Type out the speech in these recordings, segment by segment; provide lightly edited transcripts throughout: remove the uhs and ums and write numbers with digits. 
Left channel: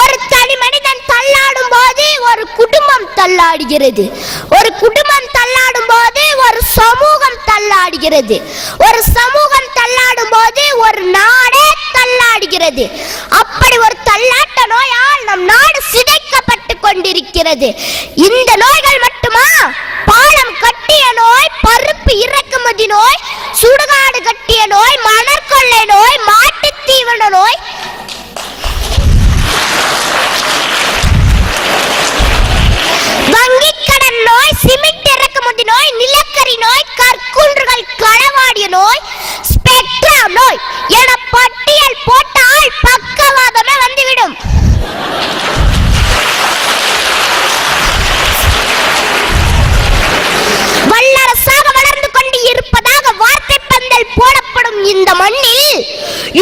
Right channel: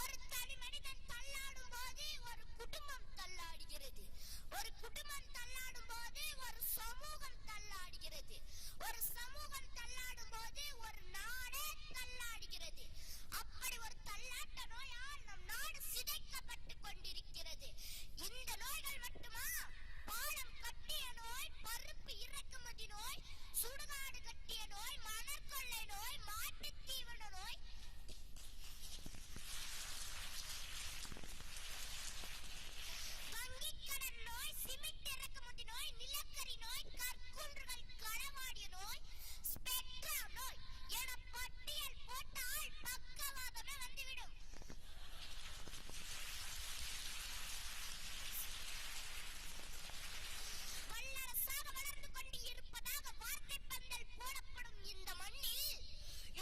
ஒரு தனி மனிதன் தள்ளாடும் போது ஒரு குடும்பம் தள்ளாடுகிறது. ஒரு குடும்பம் தள்ளாடும் போது ஒரு சமூகம் தள்ளாடுகிறது. ஒரு சமூகம் தள்ளாடும் போது ஒரு நாடே தள்ளாடுகிறது. அப்படி ஒரு தள்ளாட்ட நோயால் நம் நாடு சிதைக்கப்பட்டு கொண்டிருக்கிறது. இந்த நோய்கள் மட்டுமா? பாலம் கட்டிய நோய், பருப்பு இறக்குமதி நோய், சுடுகாடு கட்டிய நோய், மணற்கொள்ளை நோய், மாட்டுத் தீவன நோய், வங்கிக் கடன் நோய், சிமெண்ட் இறக்குமதி நோய், நிலக்கரி நோய், கற்குன்றுகள் களவாடிய நோய், ஸ்பெக்ட்ரா நோய் என பட்டியல் போட்டால் பக்கவாதமே வந்துவிடும். வல்லரசாக வளர்ந்து கொண்டு இருப்பதாக வார்த்தை பந்தல் போடப்படும் இந்த மண்ணில்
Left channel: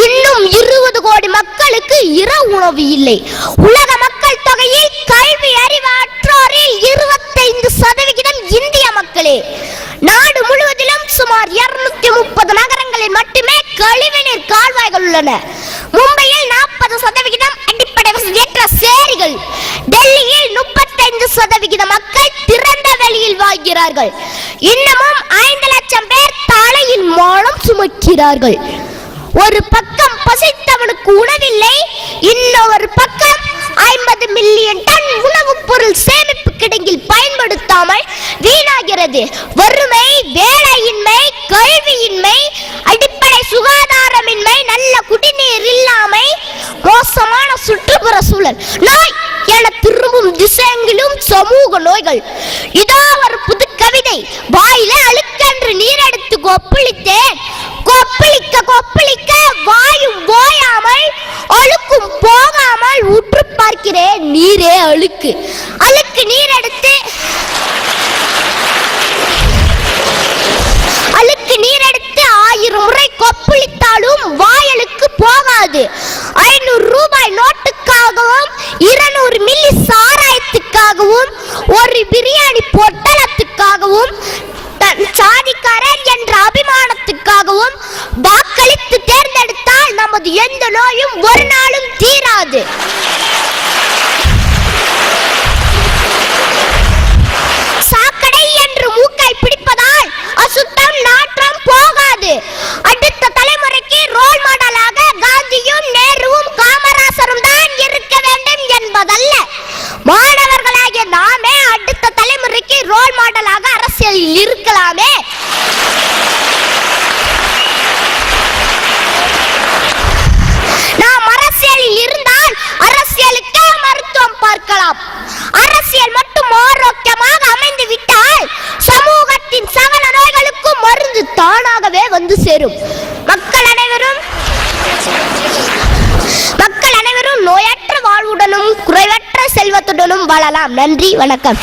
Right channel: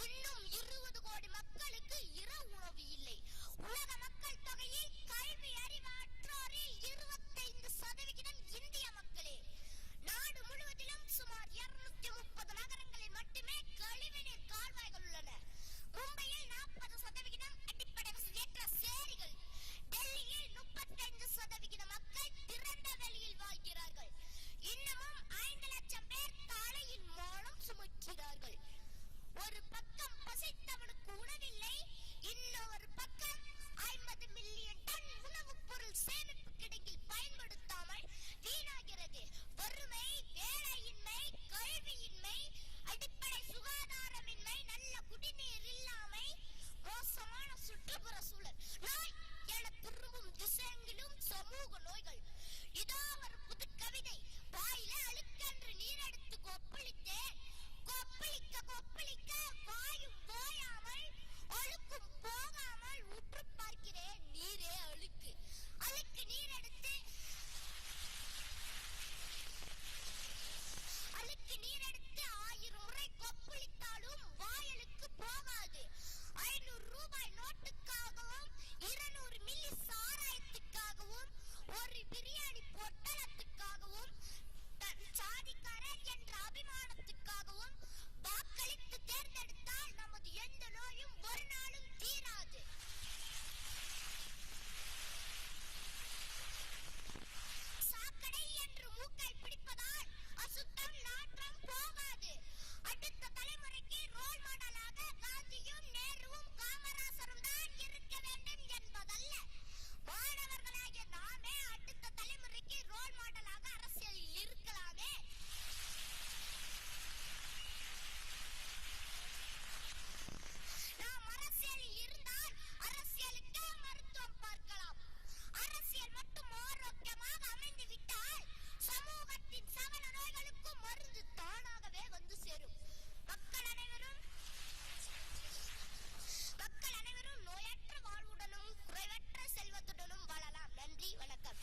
இன்னும் 20 கோடி மக்களுக்கு இரவு உணவு இல்லை. உலக மக்கள் தொகையில் கல்வி அறிவாற்றோரில் 25% இந்திய மக்களே. நாடு முழுவதிலும் சுமார் 230 நகரங்களில் மட்டுமே கழிவுநீர் கால்வாய்கள் உள்ளன. மும்பையில் 40% அடிப்படை வசதியற்ற சேரிகள். டெல்லியில் 35% மக்கள் திறந்த வெளியில் வாழ்கிறார்கள். இன்னமும் 5 லட்சம் பேர் தலையில் மானம் சுமக்கிறார்கள். ஒரு பக்கம் பசித்தவனுக்கு உணவில்லை, இன்னொரு பக்கம் 50 மில்லியன் டன் உணவுப் பொருள் சேமிப்பு கிடங்கில் பயன்படுத்தாமல் வீணாகிறது. வறுமை, வேலையின்மை, கல்வியின்மை, அடிப்படை சுகாதாரமின்மை, நல்ல குடிநீர் இல்லாமை, மோசமான சுற்றுப்புற சூழல், நோய் என திரும்பும் திசையெங்கிலும் சமூக நோய்கள். இதோ ஒரு புது கவிதை. வாயில அழுக்கென்று நீர் எடுத்து கொப்பளித்தேன், கொப்பளிக்க கொப்பளிக்க வாயும் போயாமல் அழுக்கும் போகாமல் உற்று பார்க்கிறேன், நீரே அழுக்கு. அழுக்கு நீர் எடுத்து அழுக்கு நீர் எடுத்து 1000 முறை கொப்பளித்தாலும் வாயலுக்கு போகாது. 500 ரூபாய் நோட்டுக்காகவும் 200 மில்லி சாராயத்துக்காகவும் ஒரு பிரியாணி பொட்டலத்துக்காகவும் சாதிக்காரன் என்ற அபிமானத்துக்காகவும் வாக்களித்து தேர்ந்தெடுத்தால் நமது எந்த நோயும் ஒரு நாளும் தீராது. சாக்கடை என்று மூக்கை பிடிப்பதால் அசுத்தம் நாற்றம் போகாது. அடுத்த தலைமுறைக்கு ரோல் மாடலாக காந்தியும் நேருவும் காமராசரும் தான் இருக்க வேண்டும் என்பதல்ல. மாணவர்களாகிய நாமே அடுத்த தலைமுறைக்கு ரோல் மாடலாக அரசியலில் இருக்கலாமே. நாம் அரசியலில் இருந்தால் அரசியலுக்கே மருத்துவம் பார்க்கலாம். அரசியல் மட்டும் ஆரோக்கியமாக அமைந்து விட்டால் சமூகத்தின் சகல நோய்களுக்கும் மருந்து தானாகவே வந்து சேரும். மக்கள் அனைவரும் நோயற்ற வாழ்வுடனும் குறைவற்ற செல்வத்துடனும் வாழலாம். நன்றி, வணக்கம்.